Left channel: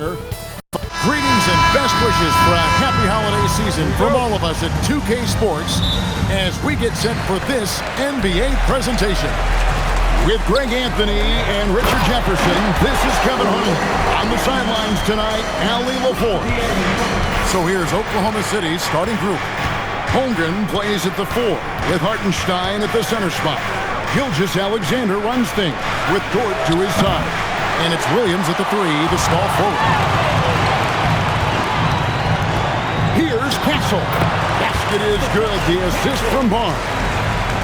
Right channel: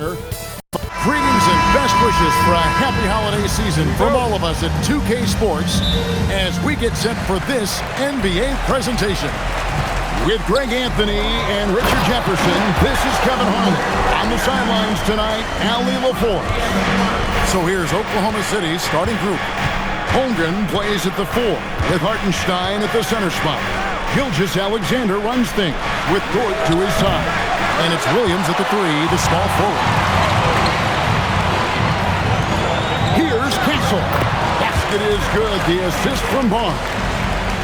Greetings and best wishes for a happy holiday season from all of us at 2K Sports as we get set for this NBA presentation. With Greg Anthony and Richard Jefferson, this is Kevin Harlan. On the sidelines tonight, Allie LaForce. So here's Oklahoma City's starting group. Holmgren plays at the 4 with Hartenstein at the center spot. Gilgeous-Alexander runs things with Dort to his side. And it's Williams at the 3, the small forward. Here's Castle. Basket is good. The assist from Barnes.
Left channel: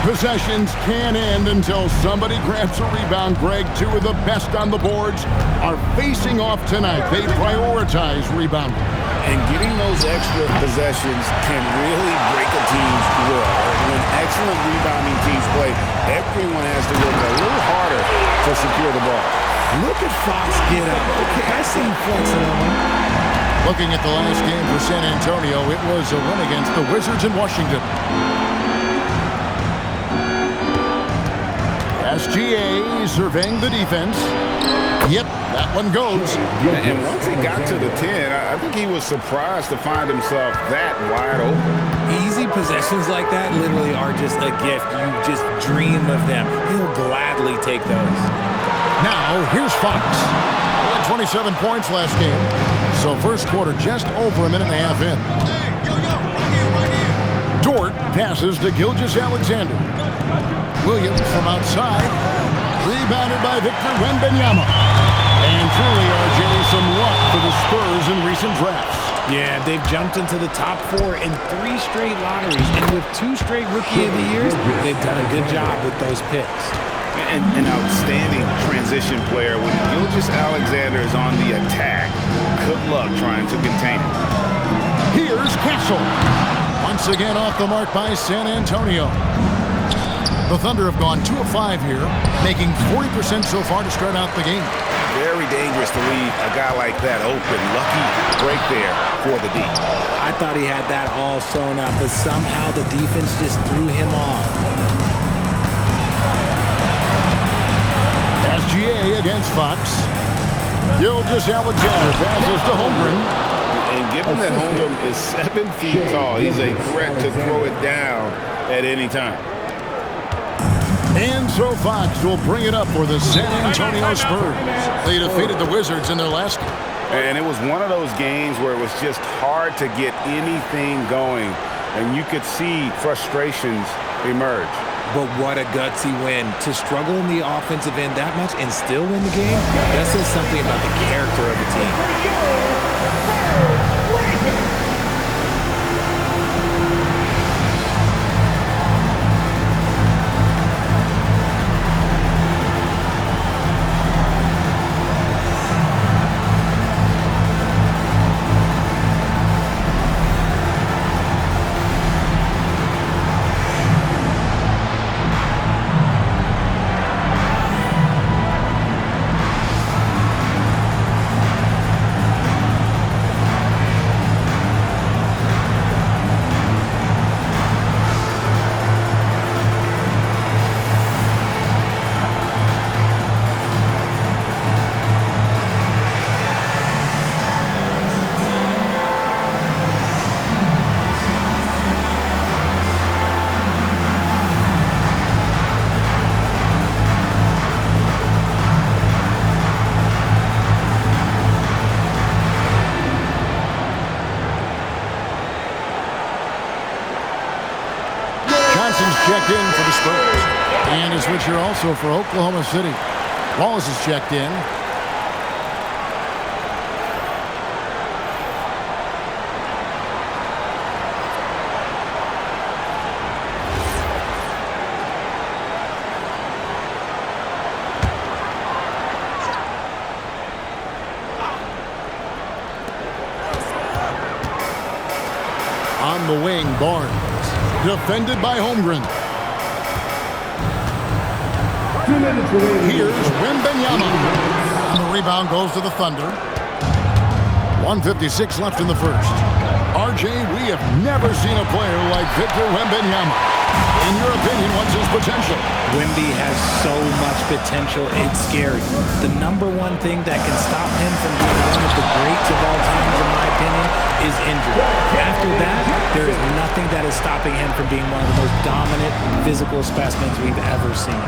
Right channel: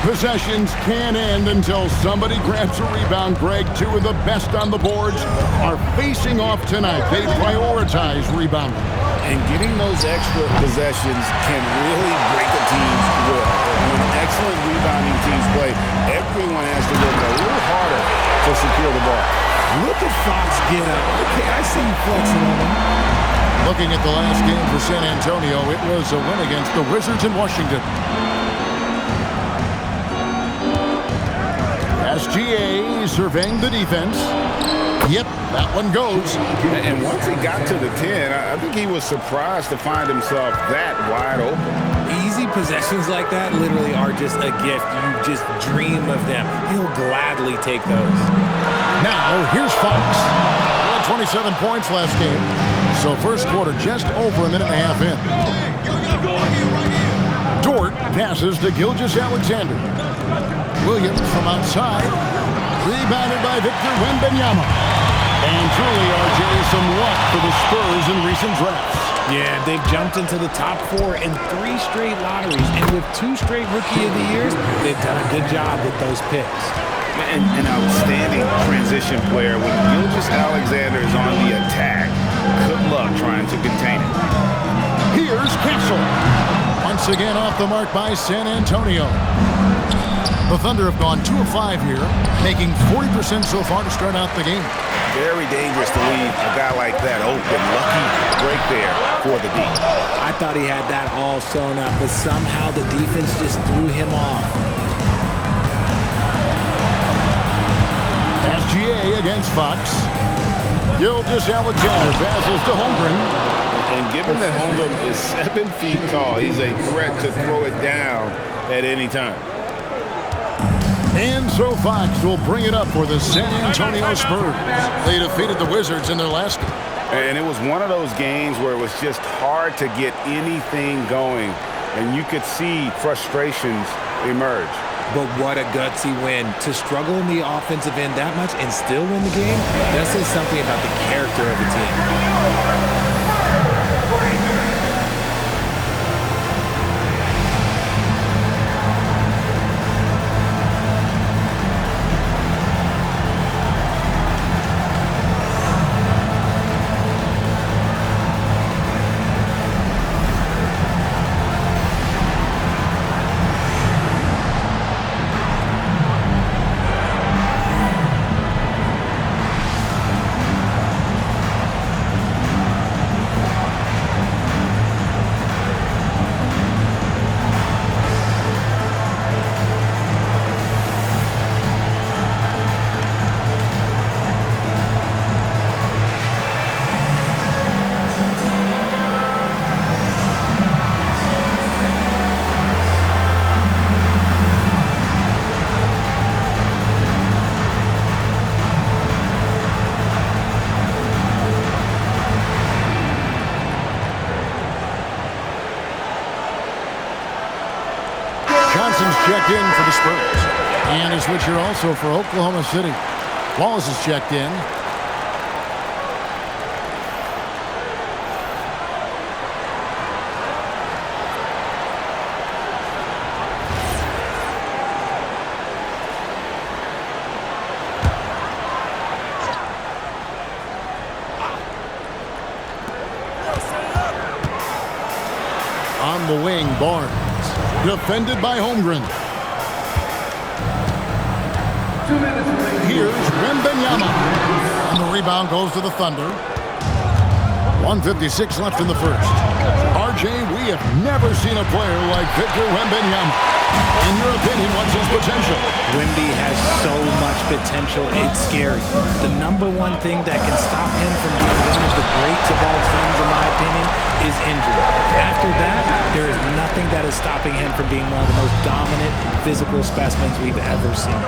Possessions can't end until somebody grabs a rebound. Greg, two of the best on the boards are facing off tonight. They prioritize rebounding. And getting those extra possessions can really break a team's will. When excellent rebounding teams play, everyone has to work a little harder to secure the ball. Look at Fox get up. Okay, I see you flexing on him. Looking at the last game for San Antonio, it was a win against the Wizards in Washington. SGA surveying the defense. Yep, that one goes. And once he got to the 10, I think he was surprised to find himself that wide open. Easy possessions like that literally are just a gift. You just dream of them. He'll gladly take those. Now, here's Fox. He had 27 points last game. So first quarter just over a minute and a half in. Dort passes to Gilgeous-Alexander. Williams from outside. Rebounded by Victor Wembanyama. And truly, RJ, some luck for the Spurs in recent drafts. Yeah, they've jumped into the top 4 in 3 straight lotteries. And with 2 straight Rookie of the Years, they've done a good job with those picks. An outstanding transition player. When Gilgeous-Alexander is on the attack, good luck trying to contain him. Here's Castle. Once again off the mark by San Antonio. The Thunder have gone 2 of 5 here, making 40% so far to start out the game. Very dangerous to leave a guy like that open. Lucky break there for the D. I thought he had that all sewn up, but somehow the defense just threw him off. SGA against Fox. Gilgeous-Alexander passes to Holmgren. And given that Holmgren is 7 feet tall, he's a threat to throw it down at any time. And so Fox will bring it up for the San Antonio Spurs. They defeated the Wizards in their last game. And it was one of those games where it was just hard to get anything going. And you could see frustrations emerge. But what a gutsy win. To struggle in the offensive end that much and still win the game, that says something about the character of the team. Johnson's checked in for the Spurs. And a switch here also for Oklahoma City. Wallace is checked in. On the wing, Barnes. Defended by Holmgren. Here's Wembanyama. And the rebound goes to the Thunder. 1:56 left in the first. RJ, we have never seen a player like Victor Wembanyama. In your opinion, what's his potential? Wemby has so much potential, it's scary. The number one thing that can stop him from being one of the greats of all times, in my opinion, is injury. After that, there is nothing that is stopping him from being one of the most dominant physical specimens we've ever seen.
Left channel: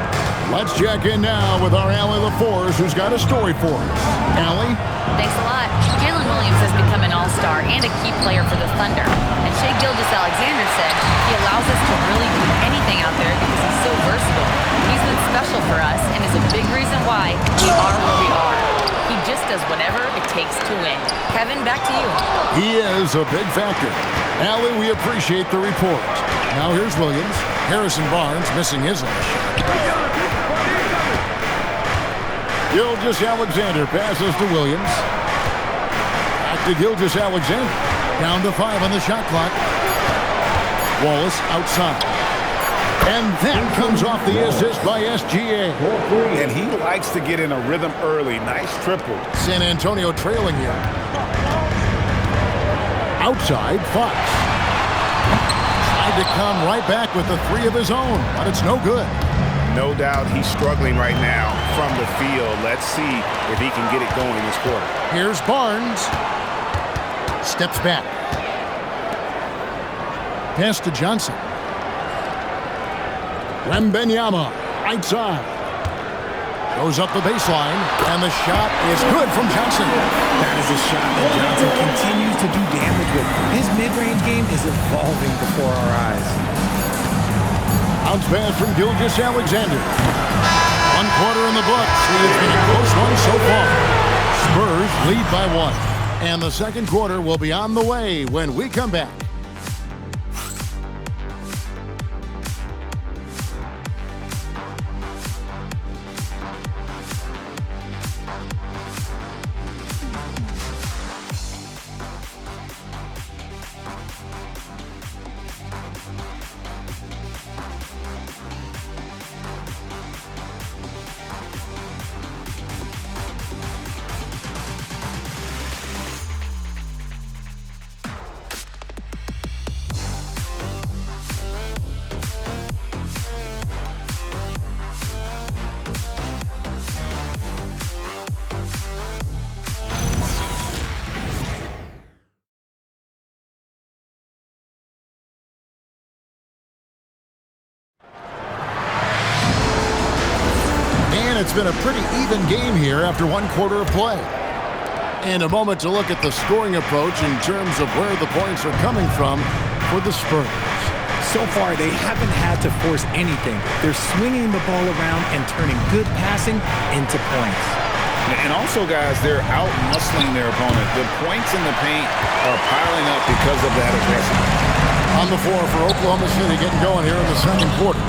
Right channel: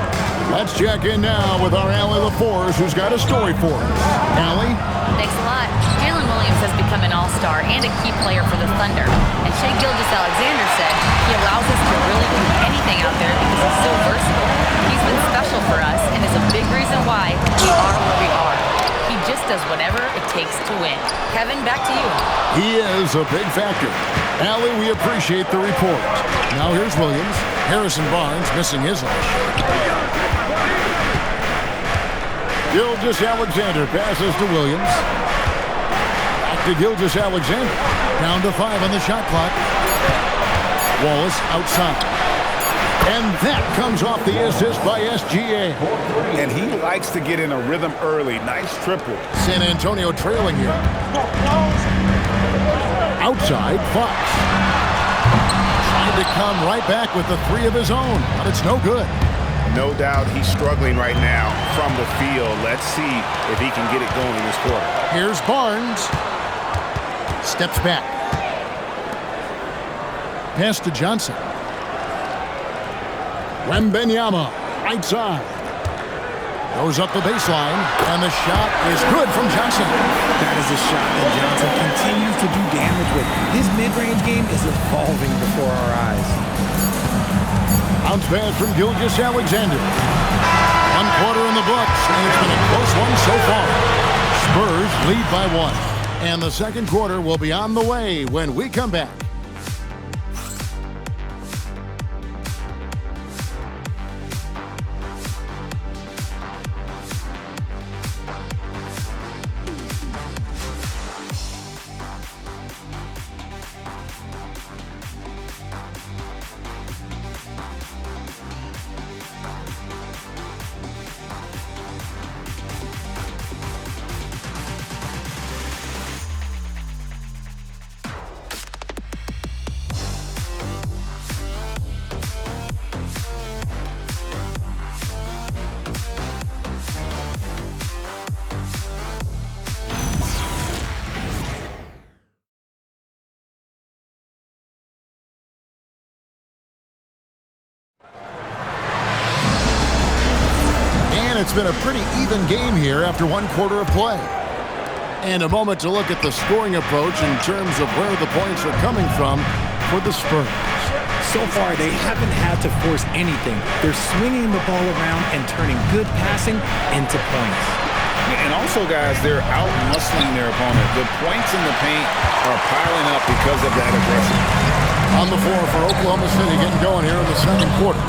Let's check in now with our Allie LaForce, who's got a story for us. Allie? Thanks a lot. Jalen Williams has become an all-star and a key player for the Thunder. And Shai Gilgeous-Alexander said he allows us to really do anything out there because he's so versatile. He's been special for us and is a big reason why we are where we are. He just does whatever it takes to win. Kevin, back to you. He is a big factor. Allie, we appreciate the report. Now here's Williams. Harrison Barnes missing his last shot. Gilgeous-Alexander passes to Williams. Back to Gilgeous-Alexander. Down to 5 on the shot clock. Wallace outside. And that comes off the assist by SGA. And he likes to get in a rhythm early. Nice triple. San Antonio trailing here. Outside, Fox. Tried to come right back with the 3 of his own, but it's no good. No doubt he's struggling right now from the field. Let's see if he can get it going this quarter. Here's Barnes. Steps back. Pass to Johnson. Wembanyama, right side. Goes up the baseline, and the shot is good from Johnson. That is a shot that Johnson continues to do damage with. His mid-range game is evolving before our eyes. Bounce pass from Gilgeous-Alexander. 1 quarter in the books, and it's been a close one so far. Spurs lead by 1. And the second quarter will be on the way when we come back. And it's been a pretty even game here after 1 quarter of play. And a moment to look at the scoring approach in terms of where the points are coming from for the Spurs. So far, they haven't had to force anything. They're swinging the ball around and turning good passing into points. And also, guys, they're out-muscling their opponent. The points in the paint are piling up because of that aggression. On the floor for Oklahoma City getting going here in the second quarter.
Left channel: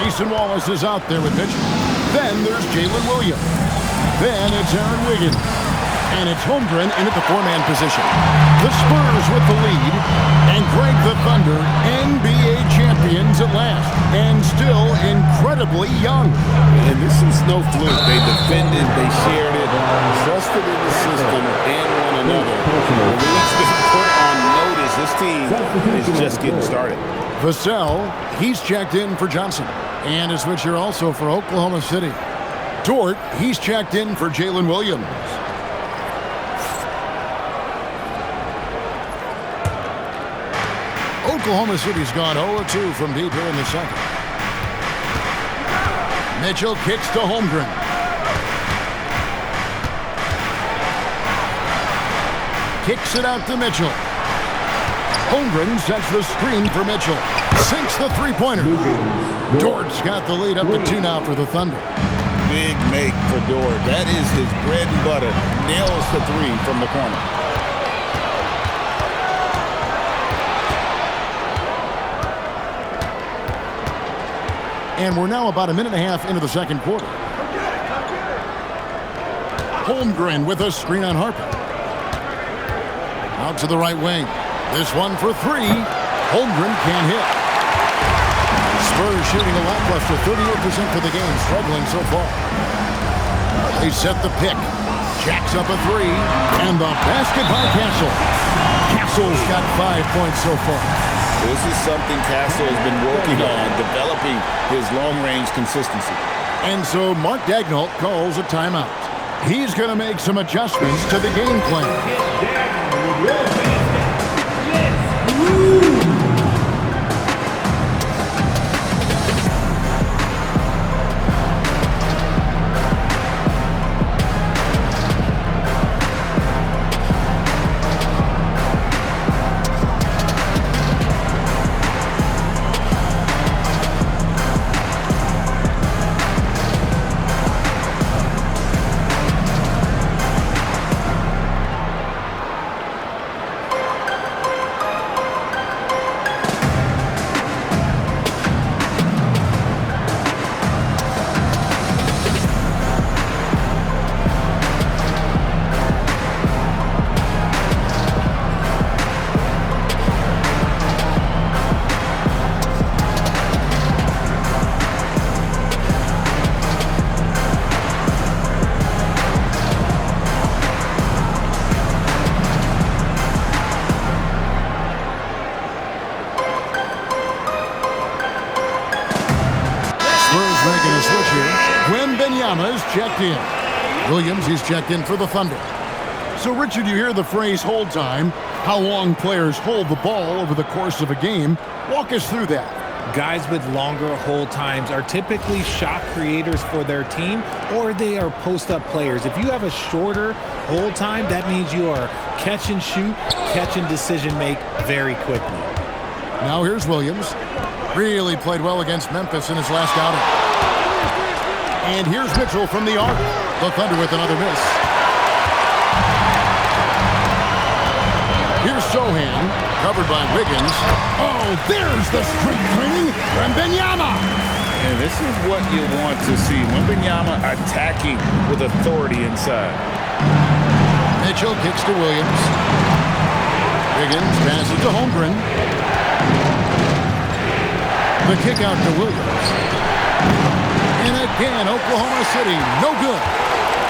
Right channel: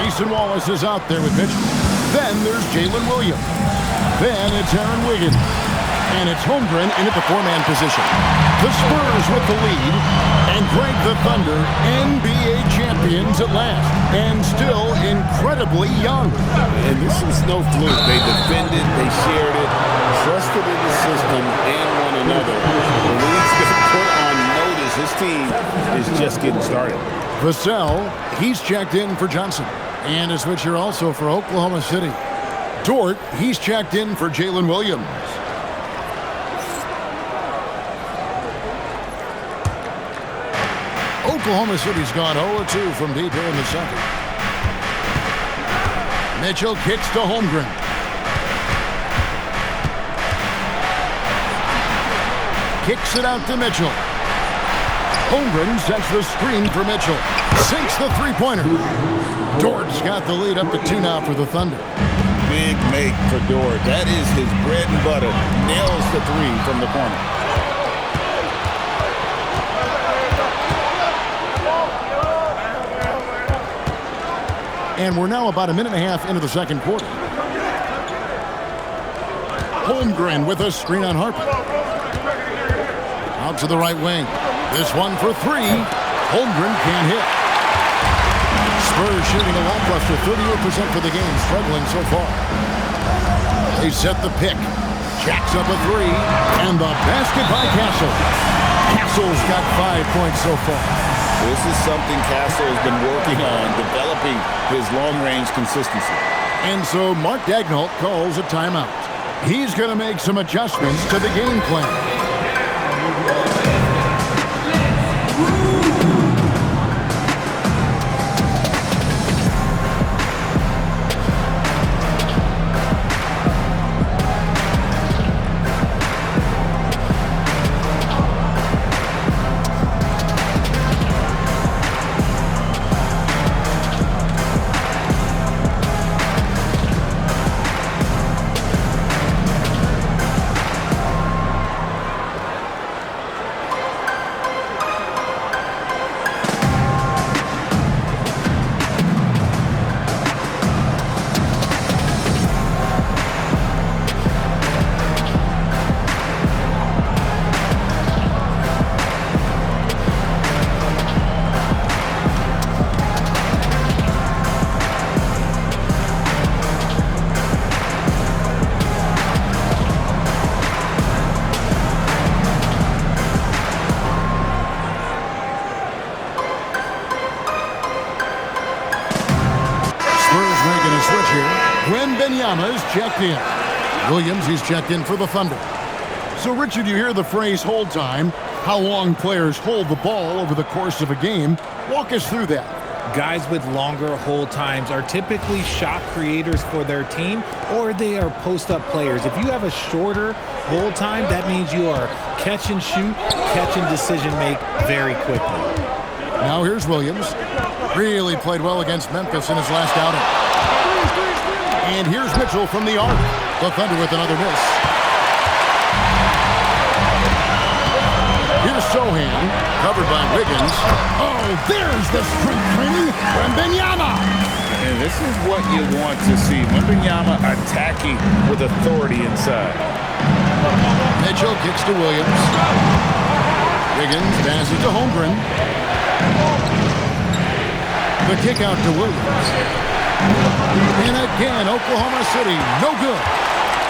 Grayson Wallace is out there with Mitchell. Then there's Jalen Williams. Then it's Aaron Wiggins. And it's Holmgren in at the 4-man position. The Spurs with the lead. And Greg, the Thunder, NBA champions at last. And still incredibly young. And this is no fluke. They defended, they shared it, trusted in the system and one another. The league's been put on notice. This team is just getting started. Vassell, he's checked in for Johnson. And a switch here also for Oklahoma City. Dort, he's checked in for Jalen Williams. Oklahoma City's gone 0-2 from deep here in the second. Mitchell kicks to Holmgren. Kicks it out to Mitchell. Holmgren sets the screen for Mitchell. Sinks the three-pointer. Dort's got the lead up to 2 now for the Thunder. Big make for Dort. That is his bread and butter. Nails the 3 from the corner. And we're now about a minute and a half into the second quarter. Holmgren with a screen on Harper. Out to the right wing. This one for 3. Holmgren can't hit. Spurs shooting a lackluster 38% for the game, struggling so far. They set the pick. Jacks up a 3, and the basket by Castle. Castle's got 5 points so far. This is something Castle has been working on, developing his long-range consistency. And so Mark Daigneault calls a timeout. He's going to make some adjustments to the game plan. Making a switch here. Wembanyama is checked in. Williams, he's checked in for the Thunder. So, Richard, you hear the phrase hold time, how long players hold the ball over the course of a game. Walk us through that. Guys with longer hold times are typically shot creators for their team, or they are post-up players. If you have a shorter hold time, that means you are catch and shoot, catch and decision make very quickly. Now here's Williams. Really played well against Memphis in his last outing. And here's Mitchell from the arc. The Thunder with another miss. Here's Sohan, covered by Wiggins. Oh, there's the strength training. Wembanyama. And this is what you want to see. Wembanyama attacking with authority inside. Mitchell kicks to Williams. Wiggins passes to Holmgren. The kick out to Williams. And again, Oklahoma City, no good.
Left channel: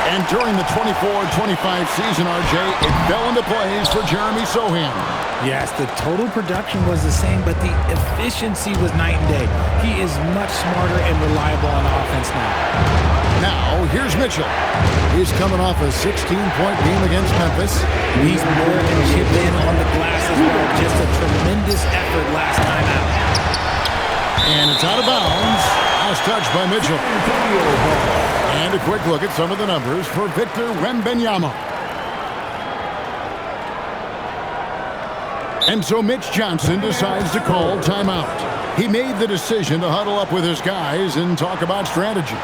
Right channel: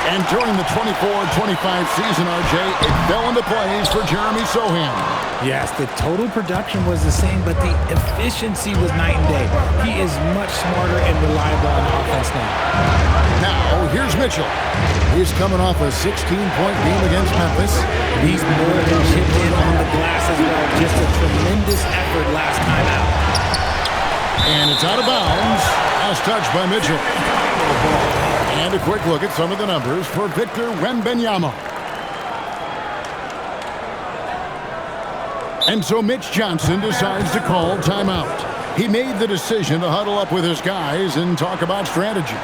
And during the 24-25 season, RJ, it fell into place for Jeremy Sohan. Yes, the total production was the same, but the efficiency was night and day. He is much smarter and reliable on offense now. Now, here's Mitchell. He's coming off a 16-point game against Memphis. He's more than chipped in on the glass as well. Just a tremendous effort last time out. And it's out of bounds. Last touch by Mitchell. And a quick look at some of the numbers for Victor Wembanyama. And so Mitch Johnson decides to call timeout. He made the decision to huddle up with his guys and talk about strategy.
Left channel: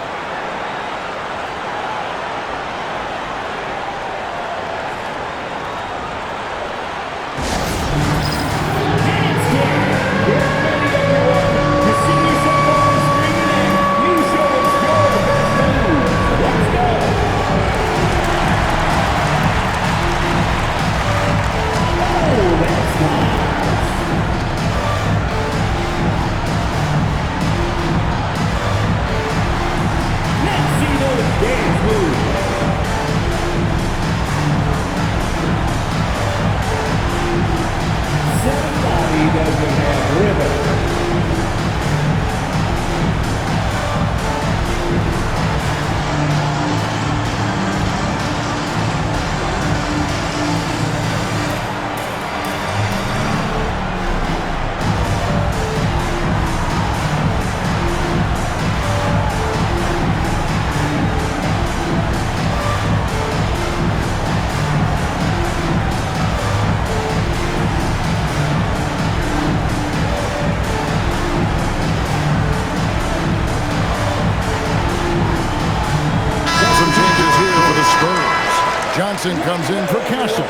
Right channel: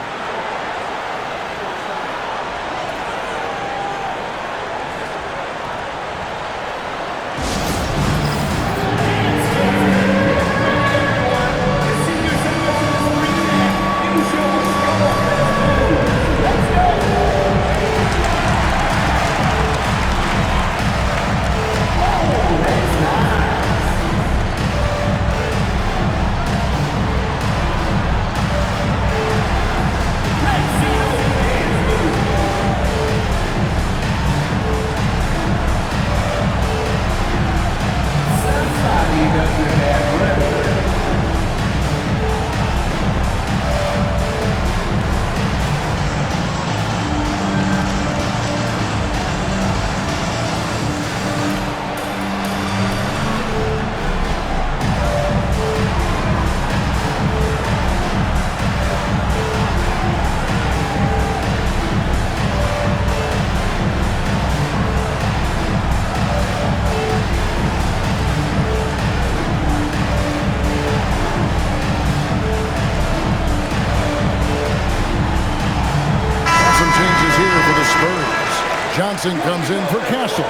Johnson comes in for Castle,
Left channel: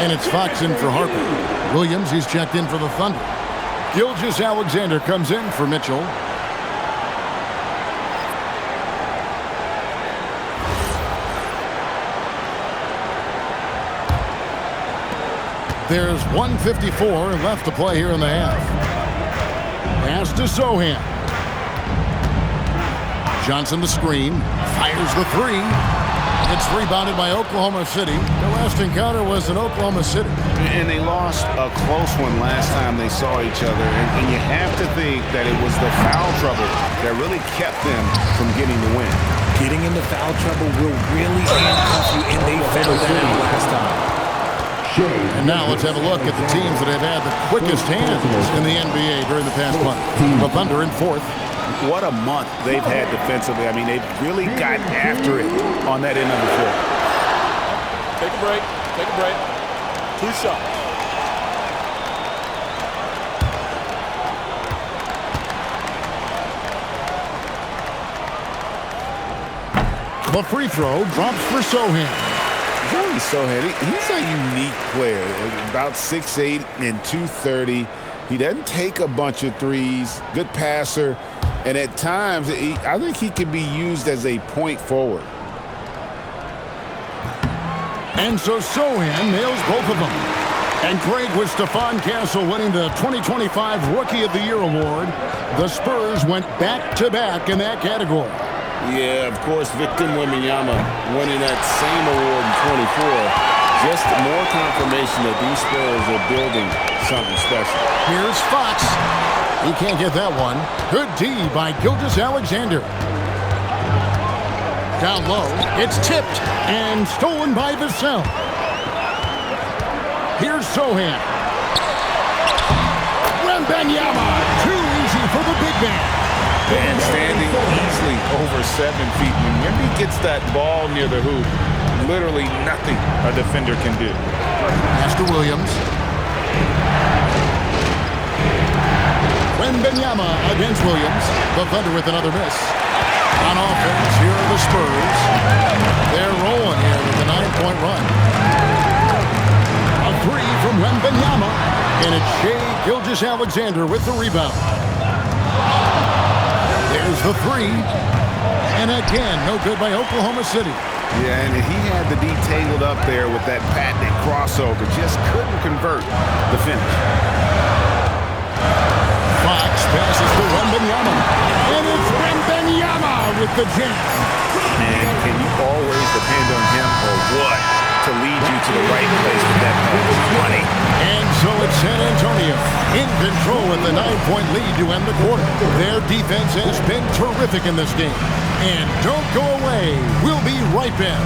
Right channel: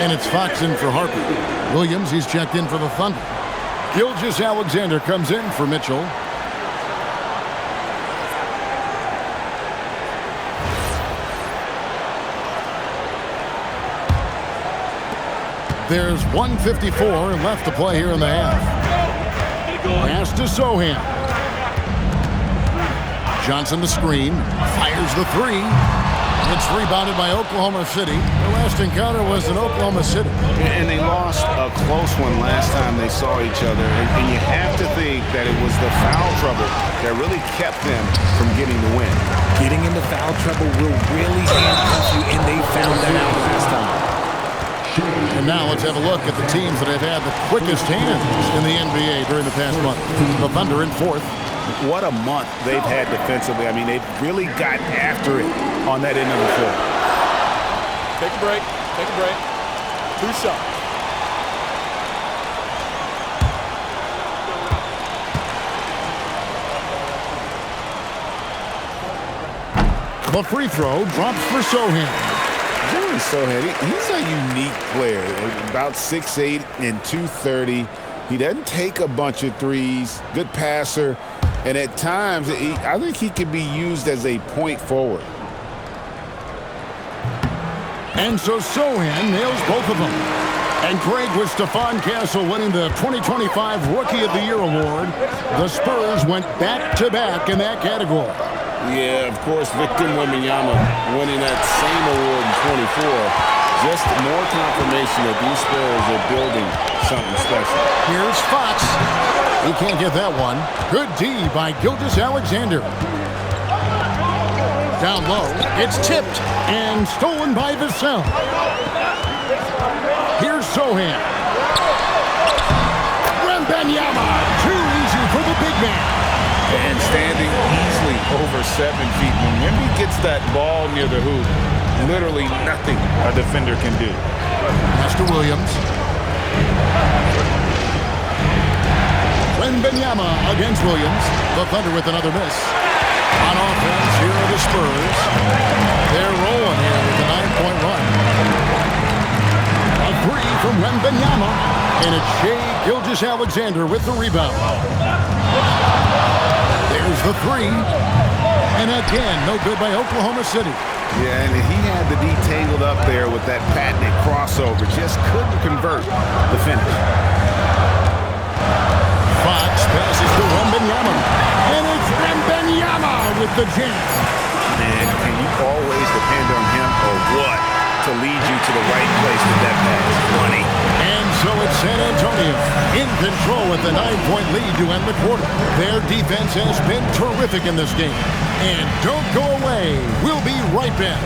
and it's Fox in for Harper. Williams, he's checked in for the Thunder. Gilgeous-Alexander comes in for Mitchell. There's 1:54 left to play here in the half. Pass to Sohan. Johnson the screen, fires the three. It's rebounded by Oklahoma City. Their last encounter was in Oklahoma City. And they lost a close one last time they saw each other. And you have to think that it was the foul trouble that really kept them from getting the win. Getting into foul trouble will really handcuff you, and they found that out last time. And now let's have a look at the teams that have had the quickest hands in the NBA during the past month. The Thunder in fourth. What a month they've had defensively. I mean, they've really got after it on that end of the floor. Take a break. Take a break. 2 shots. The free throw drops for Sochan. Jeremy Sochan, he's a unique player. About 6'8" and 230. He doesn't take a bunch of threes. Good passer. And at times, I think he can be used as a point forward. And so Sochan nails both of them. And Greg, with Stephon Castle winning the 2025 Rookie of the Year award, the Spurs went back-to-back in that category. Yeah, of course, Victor Wembanyama winning that same award in 24. Just more confirmation that these Spurs are building something special. Here's Fox. He can't get that one. Good D by Gilgeous-Alexander. Down low, it's tipped and stolen by Vassell. Here's Sochan. Wembanyama, too easy for the big man. And standing easily over 7 feet. When Wemby gets that ball near the hoop, literally nothing a defender can do. Pass to Williams. Wembanyama against Williams. The Thunder with another miss. On offense, here are the Spurs. They're rolling here with a 9-point run. A three from Wembanyama. And it's Shai Gilgeous-Alexander with the rebound. There's the three. And again, no good by Oklahoma City. Yeah, and he had the D tangled up there with that patented crossover. Just couldn't convert the finish. Fox passes to Wembanyama. And it's Wembanyama with the jam. And can you always depend on him or what to lead you to the right place with that pass? Money. And so it's San Antonio in control with a 9-point lead to end the quarter. Their defense has been terrific in this game. And don't go away. We'll be right back.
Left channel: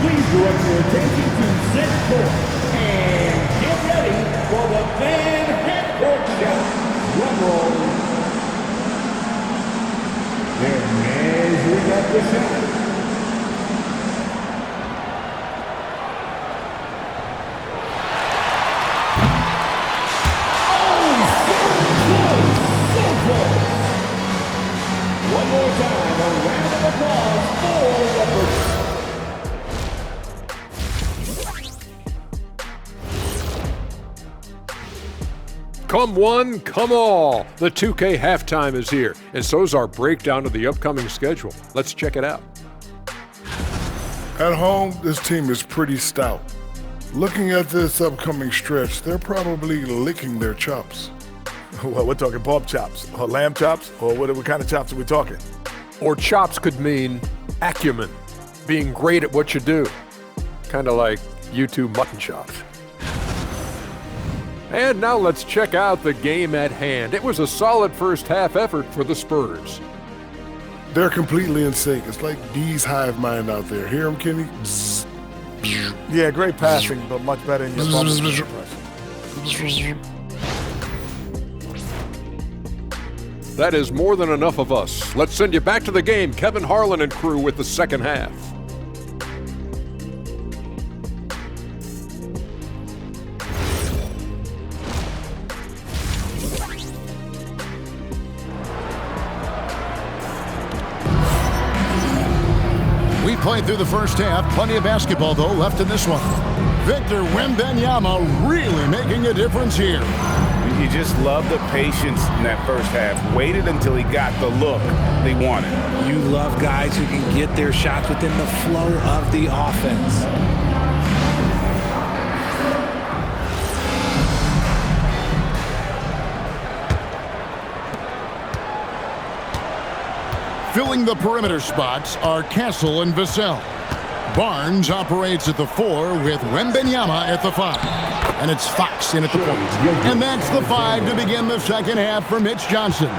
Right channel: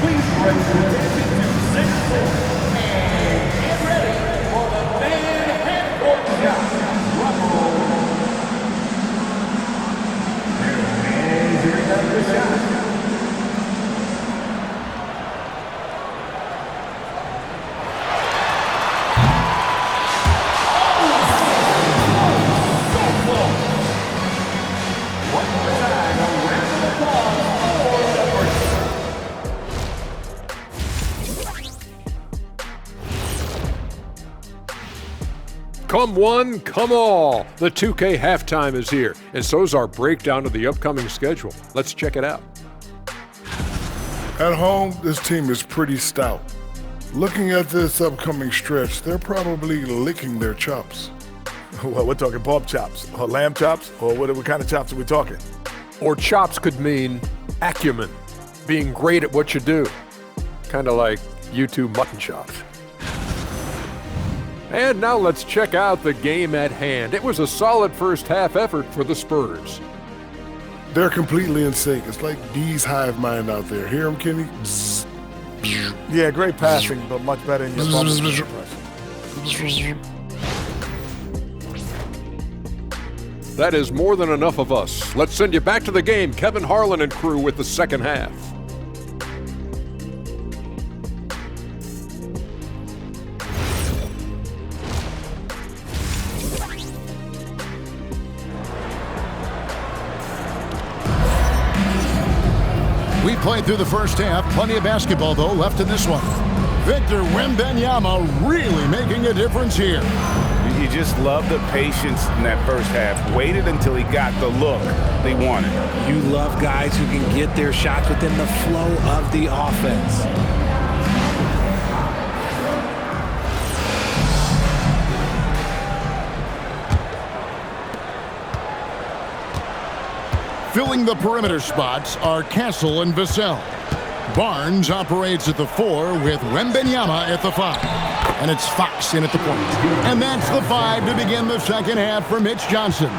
Please direct your attention to center court and get ready for the fan half-court shot. Drum roll. They're measuring up the shot. Come one, come all. The 2K halftime is here, and so's our breakdown of the upcoming schedule. Let's check it out. At home, this team is pretty stout. Looking at this upcoming stretch, they're probably licking their chops. Well, we're talking pork chops, or lamb chops, or what kind of chops are we talking? Or chops could mean acumen, being great at what you do. Kind of like YouTube mutton chops. And now let's check out the game at hand. It was a solid first half effort for the Spurs. They're completely in sync. It's like D's hive mind out there. Hear him, Kenny? Bzz. Yeah, great passing, but much better in your bubble pressure. That is more than enough of us. Let's send you back to the game. Kevin Harlan and crew with the second half. We played through the first half. Plenty of basketball, though, left in this one. Victor Wembanyama really making a difference here. You just love the patience in that first half. Waited until he got the look they wanted. You love guys who can get their shots within the flow of the offense. Filling the perimeter spots are Castle and Vassell. Barnes operates at the 4 with Wembanyama at the 5. And it's Fox in at the point. And that's the 5 to begin the second half for Mitch Johnson.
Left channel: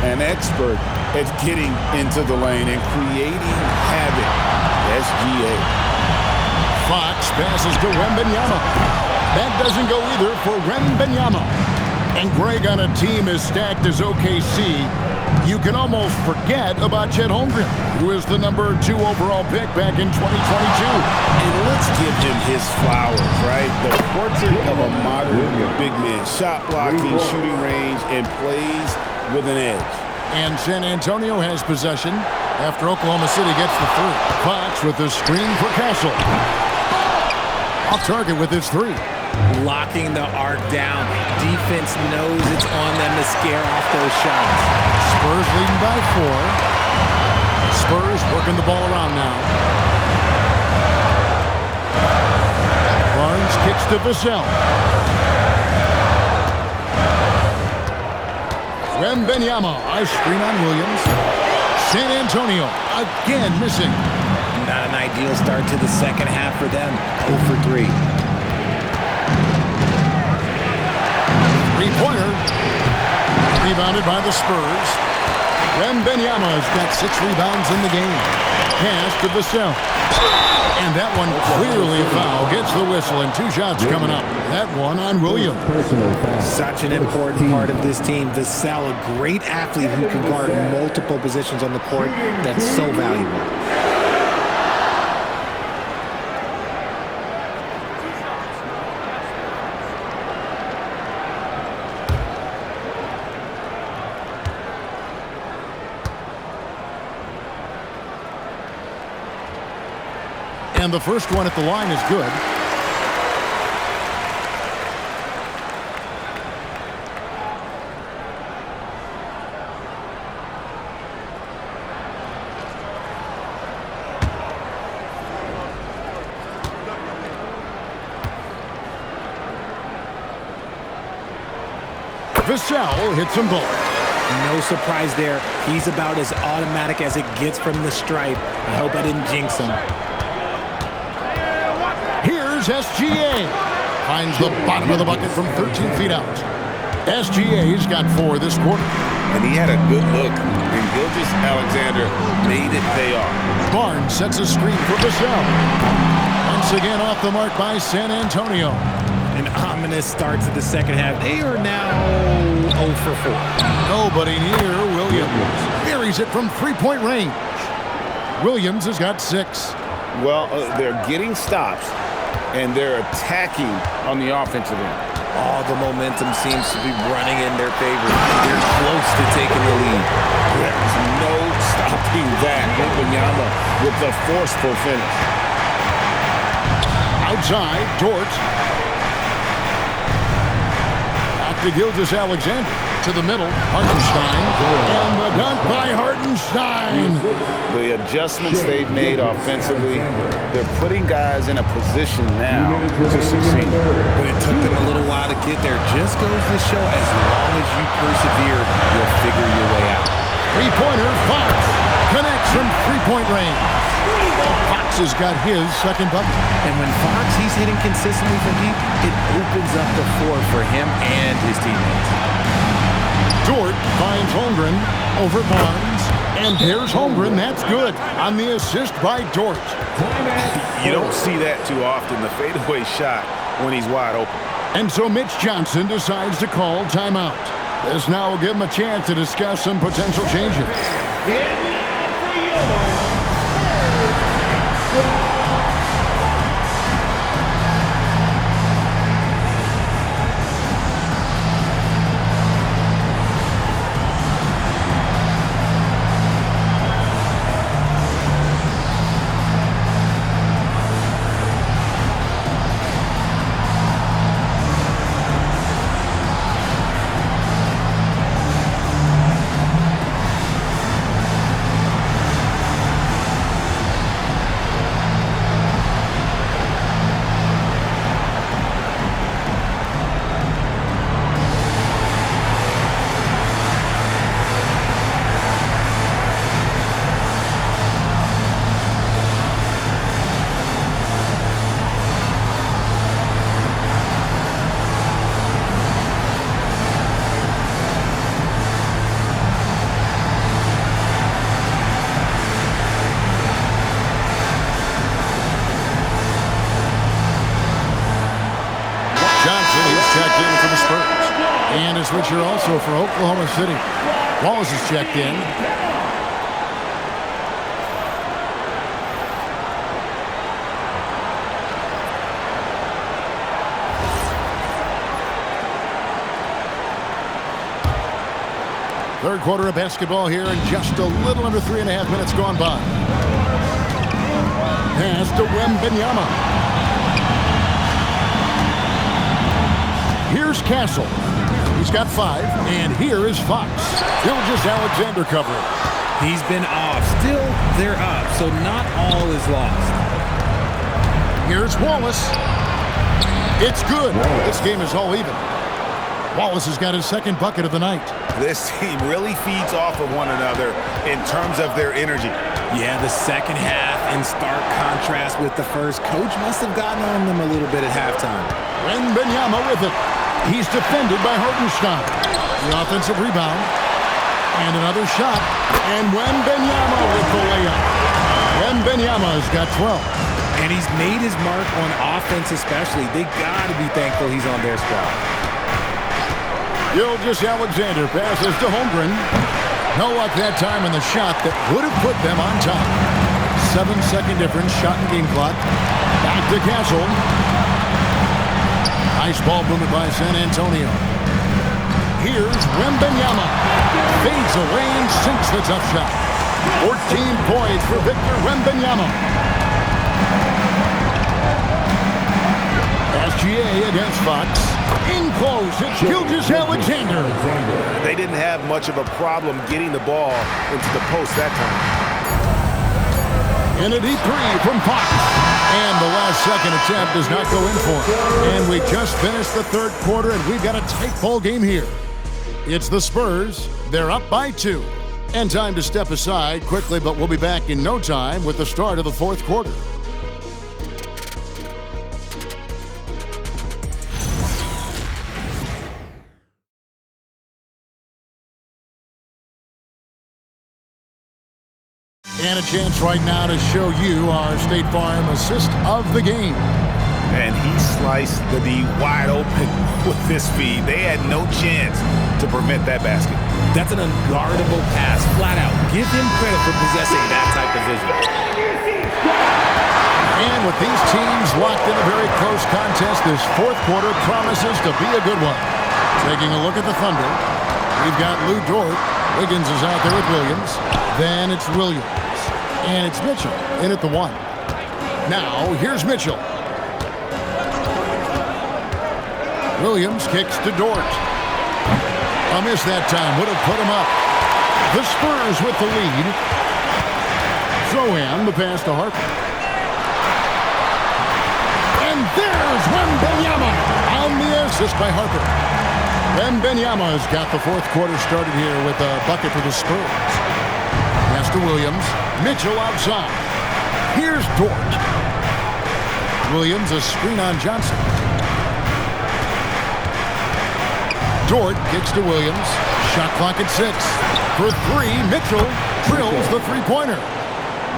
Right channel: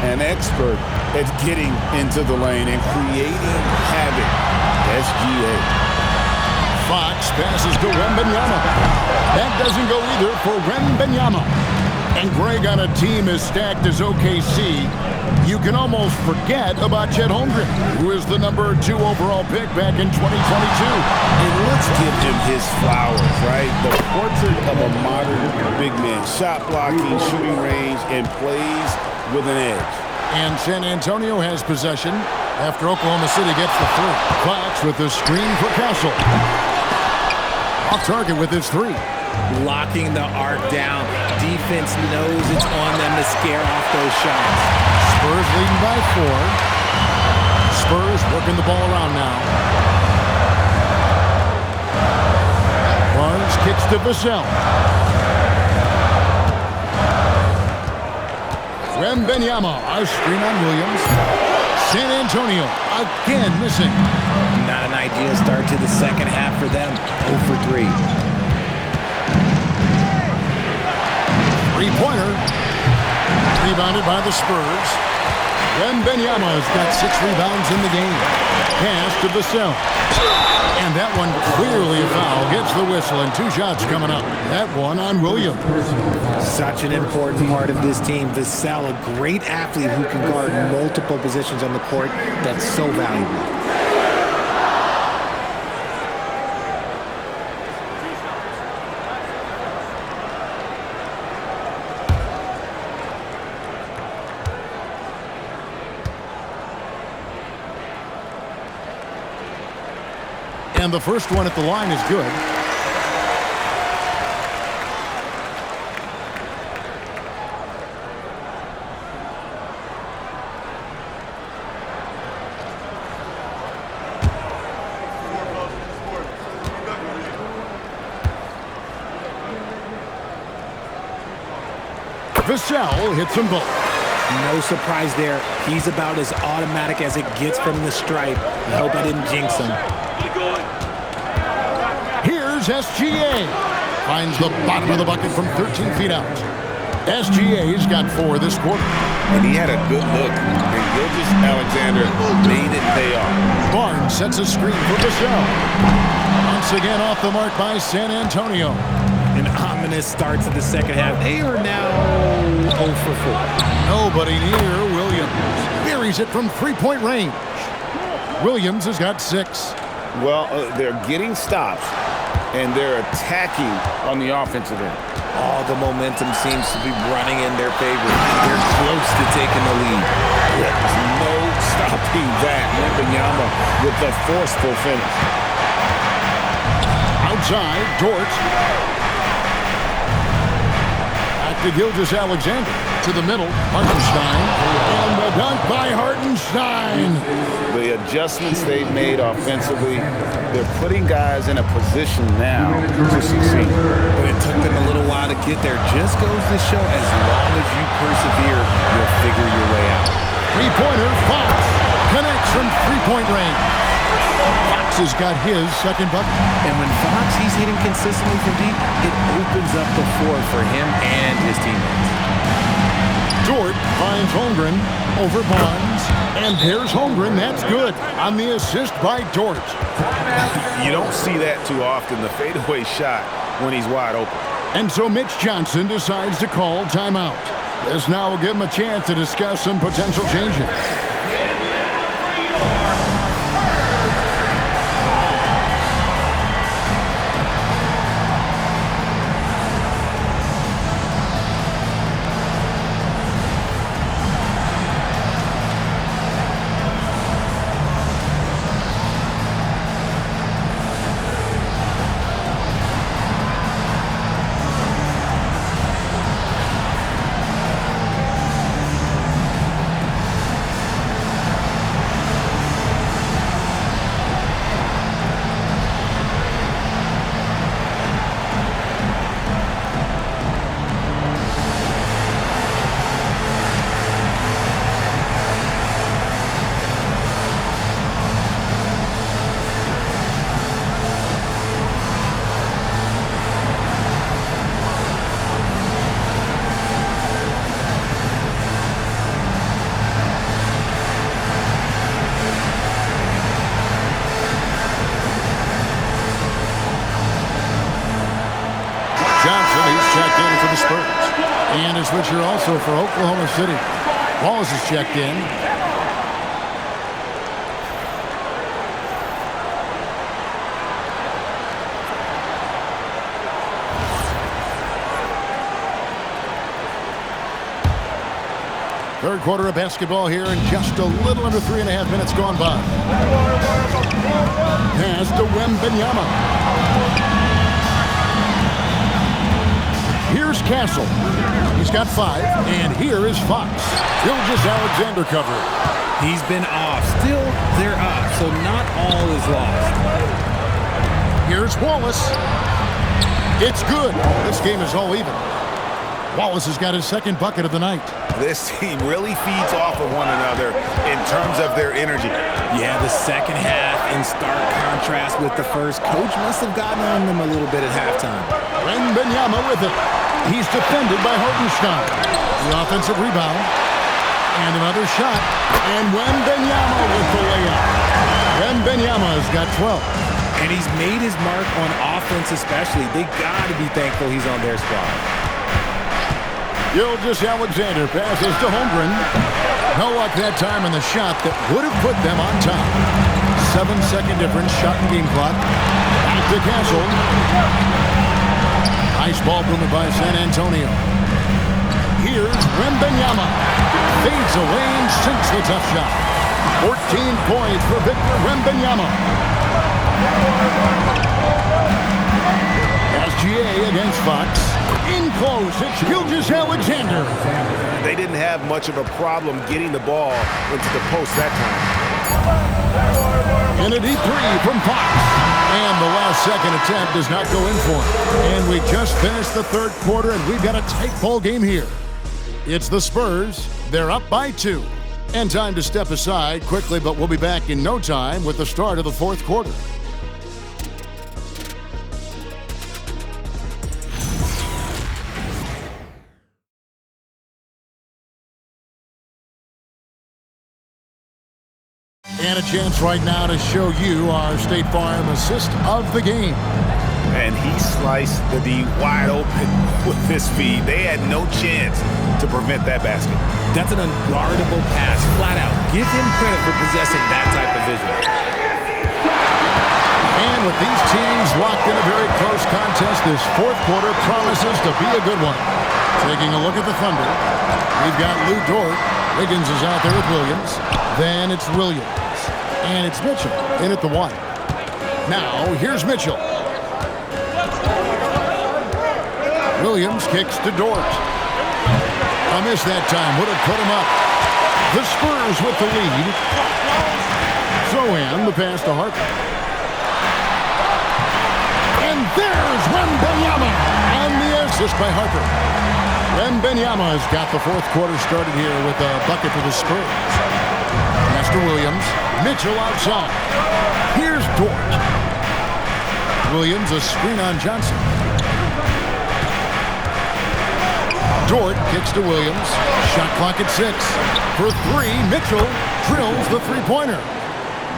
An expert at getting into the lane and creating havoc. SGA. Fox passes to Wembanyama. That doesn't go either for Wembanyama. And Greg, on a team as stacked as OKC, you can almost forget about Chet Holmgren, who is the number 2 overall pick back in 2022. And let's give him his flowers, right? The portrait of a modern big man. Shot blocking, shooting range, and plays with an edge. And San Antonio has possession after Oklahoma City gets the 3. Fox with the screen for Castle. Off target with his 3. Locking the arc down. Defense knows it's on them to scare off those shots. Spurs leading by 4. Spurs working the ball around now. Barnes kicks to Vassell. Wembanyama, a screen on Williams. San Antonio again missing. Not an ideal start to the second half for them. 0 for 3. Three-pointer. Rebounded by the Spurs. Wembanyama's got 6 rebounds in the game. Pass to Vassell. And that one clearly a foul. Gets the whistle and 2 shots coming up. That one on Williams. Such an important part of this team. Vassell, a great athlete who can guard multiple positions on the court. That's so valuable. And the first one at the line is good. Vassell hits them both. No surprise there. He's about as automatic as it gets from the stripe. I hope I didn't jinx him. Here's SGA. Finds the bottom of the bucket from 13 feet out. SGA's got 4 this quarter. And he had a good look. And Gilgeous-Alexander made it pay off. Barnes sets a screen for Vassell. Once again off the mark by San Antonio. An ominous start to the second half. They are now 0 for 4. Nobody near Williams. Buries it from 3-point range. Williams has got 6. Well, they're getting stops, and they're attacking on the offensive end. All the momentum seems to be running in their favor. They're close to taking the lead. There's no stopping that. Wembanyama with the forceful finish. Outside, Dort. Back to Gilgeous-Alexander. To the middle, Hartenstein. And the dunk by Hartenstein. The adjustments they've made offensively, they're putting guys in a position now to succeed. But it took them a little while to get there. Just goes to show, as long as you persevere, you'll figure your way out. Three-pointer, Fox connects from 3-point range. Fox has got his second bucket. And when Fox, he's hitting consistently from deep, it opens up the floor for him and his teammates. Dort finds Holmgren over Barnes. And there's Holmgren. That's good on the assist by Dort. You don't see that too often, the fadeaway shot when he's wide open. And so Mitch Johnson decides to call timeout. This now will give him a chance to discuss some potential changes. Johnson, he's checked in for the Spurs. And a switcher also for Oklahoma City. Wallace is checked in. Third quarter of basketball here, and just a little under 3.5 minutes gone by. Pass to Wembanyama. Here's Castle. He's got 5, and here is Fox. Gilgeous-Alexander covering. He's been off. Still, they're up, so not all is lost. Here's Wallace. It's good. This game is all even. Wallace has got his second bucket of the night. This team really feeds off of one another in terms of their energy. Yeah, the second half in stark contrast with the first. Coach must have gotten on them a little bit at halftime. Wembanyama with it. He's defended by Hartenstein. The offensive rebound. And another shot. And Wembanyama with the layup. Wembanyama has got 12. And he's made his mark on offense especially. They got to be thankful he's on their squad. Gilgeous-Alexander passes to Holmgren. No luck that time on the shot that would have put them on top. 7-second difference, shot and game clock. Back to Castle. Nice ball movement by San Antonio. Here's Wembanyama. Fades away and sinks the tough shot. 14 points for Victor Wembanyama. SGA against Fox. In close, it's Gilgeous-Alexander. They didn't have much of a problem getting the ball into the post that time. And a deep 3 from Fox. And the last second attempt does not go in for him. And we just finished the third quarter, and we've got a tight ball game here. It's the Spurs. They're up by 2. And time to step aside quickly, but we'll be back in no time with the start of the fourth quarter. And a chance right now to show you our State Farm assist of the game. And he sliced the D wide open with this feed. They had no chance to prevent that basket. That's an unguardable pass, flat out. Give him credit for possessing that type of vision. And with these teams locked in a very close contest, this fourth quarter promises to be a good one. Taking a look at the Thunder, we've got Lou Dort. Wiggins is out there with Williams. Then it's Williams. And it's Mitchell in at the 1. Now, here's Mitchell. Williams kicks to Dort. A miss that time would have put him up. The Spurs with the lead. Zohan, the pass to Harper. And there's Wembanyama on the assist by Harper. Wembanyama has got the fourth quarter started here with a bucket for the Spurs. Pass to Williams. Mitchell outside. Here's Dort. Williams, a screen on Johnson. Dort kicks to Williams. Shot clock at 6. For 3, Mitchell drills the three-pointer.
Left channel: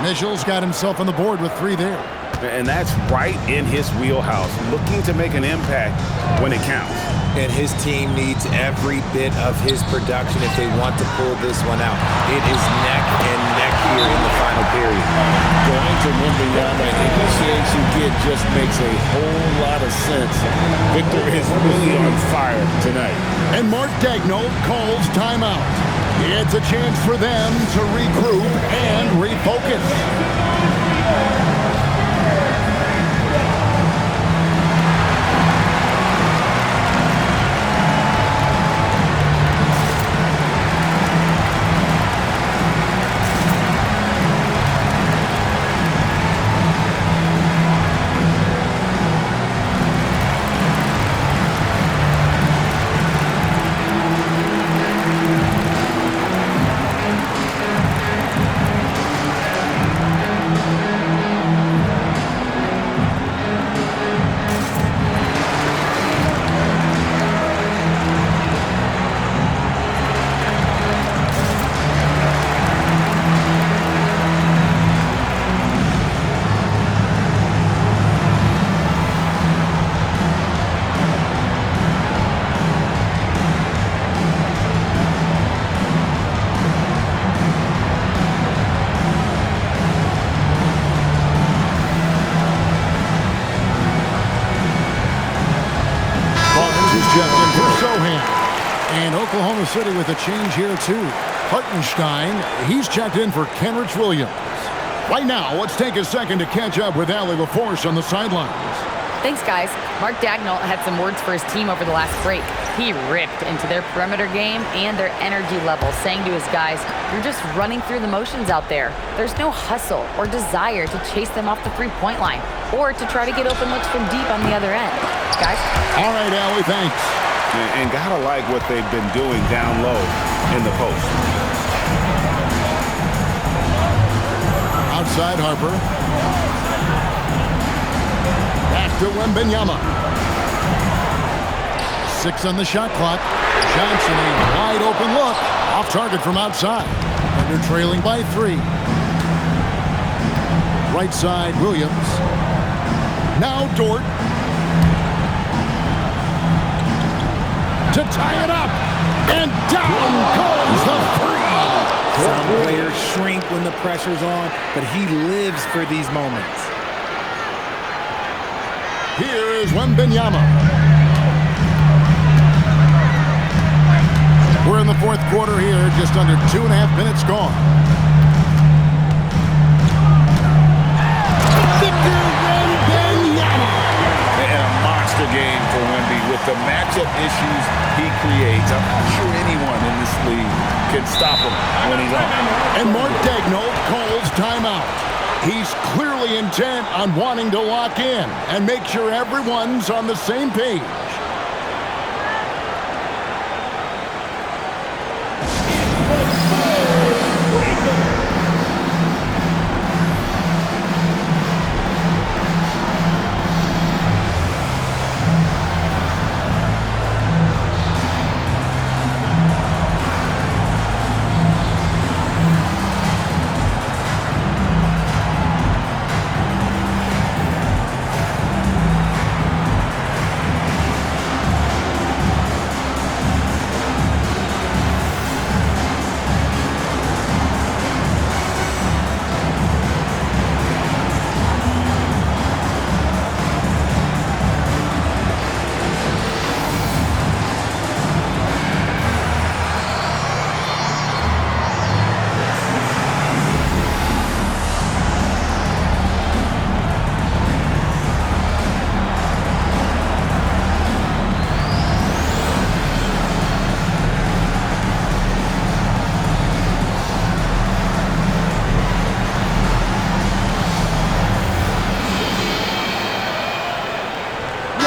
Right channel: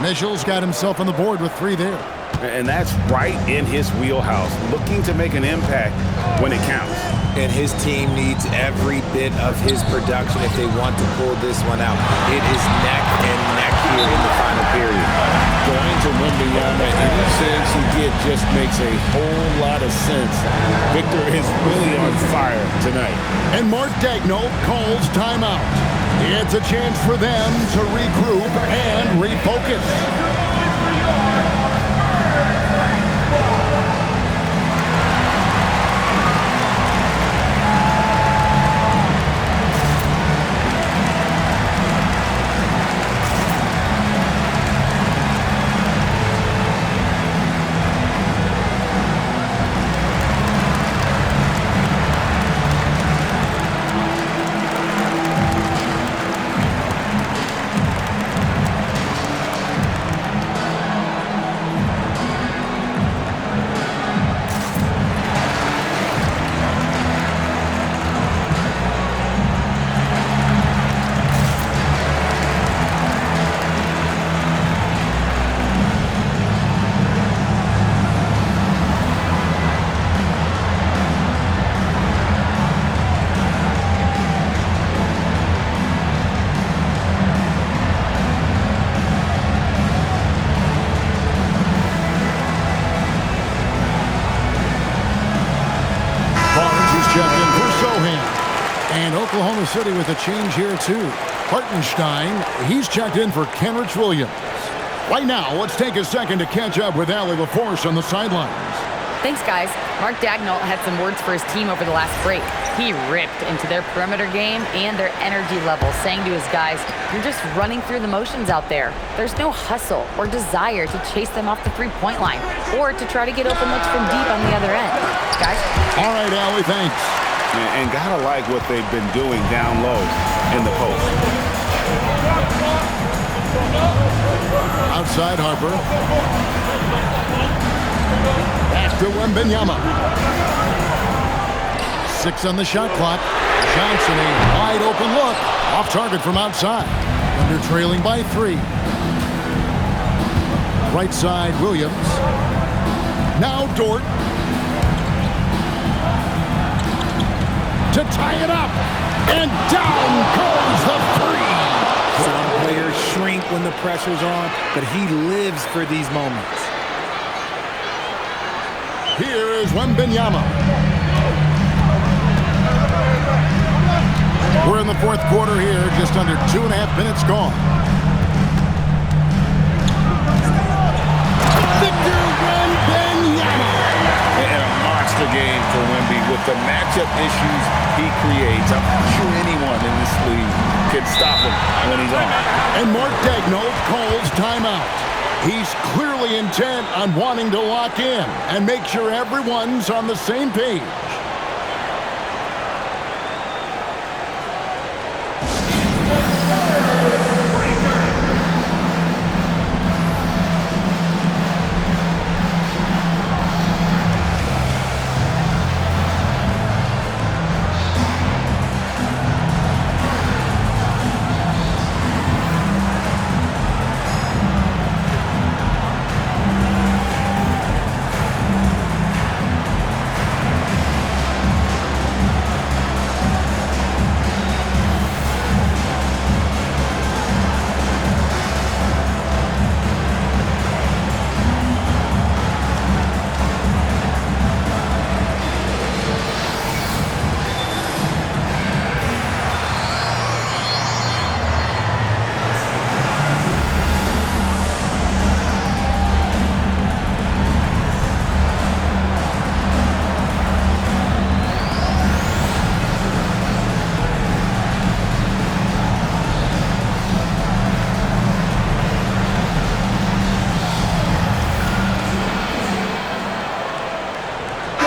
Mitchell's got himself on the board with 3 there. And that's right in his wheelhouse, looking to make an impact when it counts. And his team needs every bit of his production if they want to pull this one out. It is neck and neck here in the final period. Going to Wembanyama, any chance you get just makes a whole lot of sense. Victor is really on fire tonight. And Mark Daigneault calls timeout. It's a chance for them to regroup and refocus. checked in for Sohan. And Oklahoma City with a change here, too. Hartenstein, he's checked in for Kenrich Williams. Right now, let's take a second to catch up with Allie LaForce on the sidelines. Thanks, guys. Mark Dagnall had some words for his team over the last break. He ripped into their perimeter game and their energy level, saying to his guys, "You're just running through the motions out there. There's no hustle or desire to chase them off the three-point line or to try to get open looks from deep on the other end." Guys? All right, Allie, thanks. And gotta like what they've been doing down low in the post. Outside Harper. Back to Wembanyama. 6 on the shot clock. Johnson, a wide open look. Off target from outside. Thunder trailing by 3. Right side, Williams. Now Dort. To tie it up. And down goes the three. Some players shrink when the pressure's on, but he lives for these moments. Here is Wembanyama. We're in the fourth quarter here, just under 2.5 minutes gone. Victor Wembanyama. And a monster game for Wemby with the matchup issues he creates. I'm not sure anyone in this league can stop him when he's on. And Mark Dagnall calls timeout. He's clearly intent on wanting to lock in and make sure everyone's on the same page.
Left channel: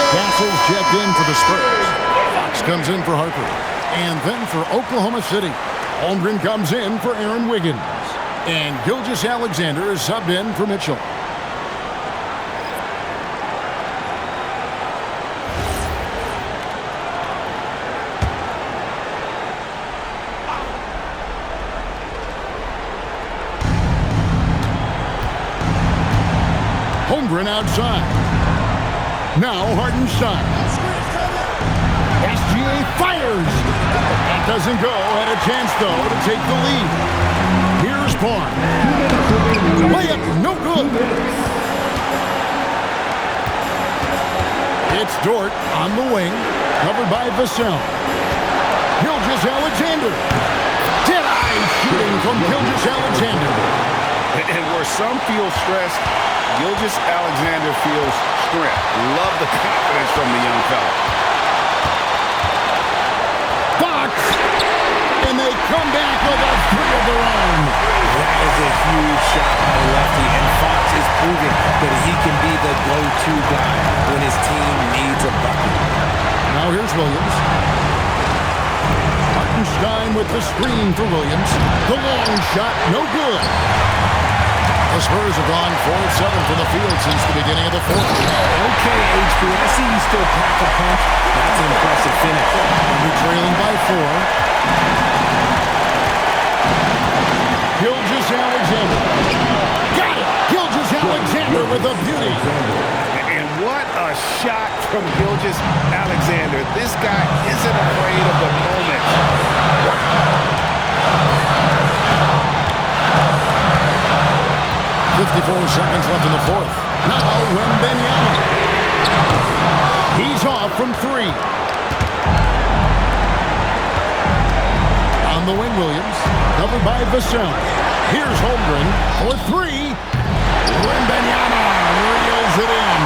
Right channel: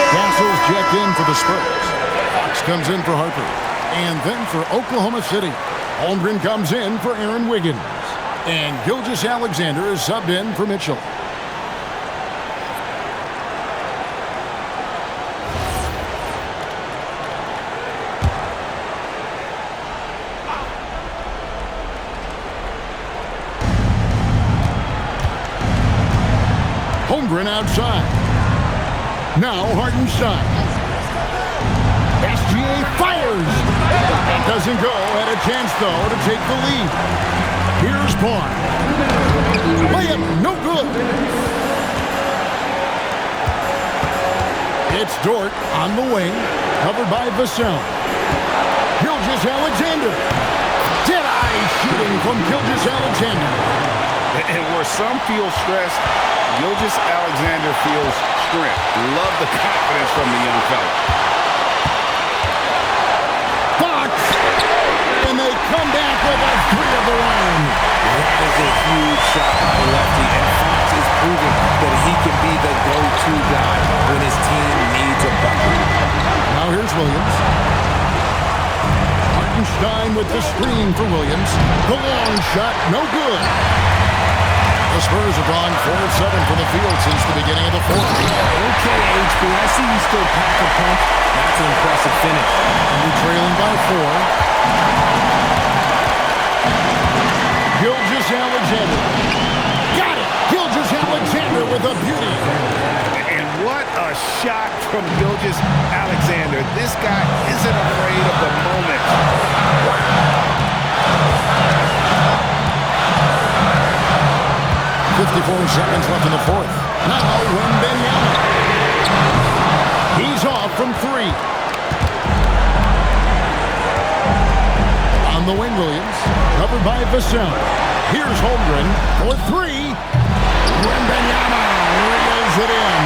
Castle's checked in for the Spurs. Fox comes in for Harper. And then for Oklahoma City, Holmgren comes in for Aaron Wiggins. And Gilgeous-Alexander is subbed in for Mitchell. Holmgren outside. Now Hartenstein. SGA fires. That doesn't go. Had a chance, though, to take the lead. Here's Barnes. Layup, no good. It's Dort on the wing, covered by Vassell. Gilgeous-Alexander. Dead-eye shooting from Gilgeous-Alexander. And where some feel stressed, Gilgeous-Alexander feels strength. Love the confidence from the young fella. Fox, and they come back with a three of their own. That is a huge shot by the lefty, and Fox is proving that he can be the go-to guy when his team needs a bucket. Now here's Williams. Hartenstein with the screen for Williams. The long shot, no good. The Spurs have gone 4 of 7 from the field since the beginning of the fourth. Okay, HB, I see you still pack a punch. That's an impressive finish. Under trailing by 4. Gilgeous-Alexander. Got it! Gilgeous-Alexander with a beauty. And what a shot from Gilgeous-Alexander. This guy isn't afraid of the moment. 54 seconds left in the fourth. Now Wembanyama. He's off from 3. the wing, Williams. Covered by Vassell. Here's Holmgren for three. Wembanyama reels it in.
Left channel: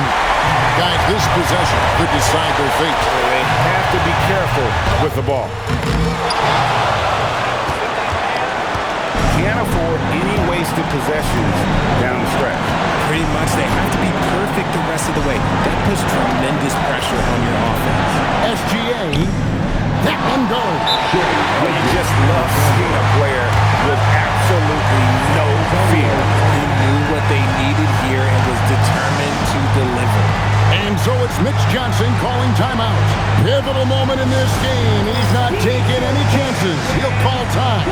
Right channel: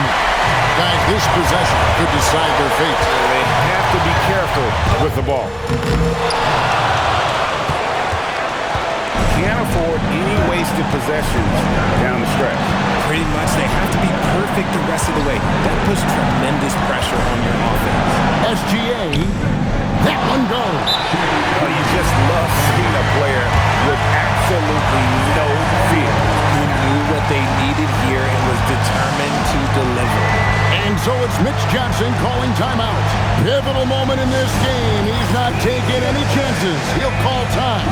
Guys, this possession could decide their fate. They have to be careful with the ball. Can't afford any wasted possessions down the stretch. Pretty much, they have to be perfect the rest of the way. That puts tremendous pressure on your offense. SGA, that one goes. Oh, you just love seeing a player with absolutely no fear. He knew what they needed here and was determined to deliver. And so it's Mitch Johnson calling timeout. Pivotal moment in this game. He's not taking any chances. He'll call time.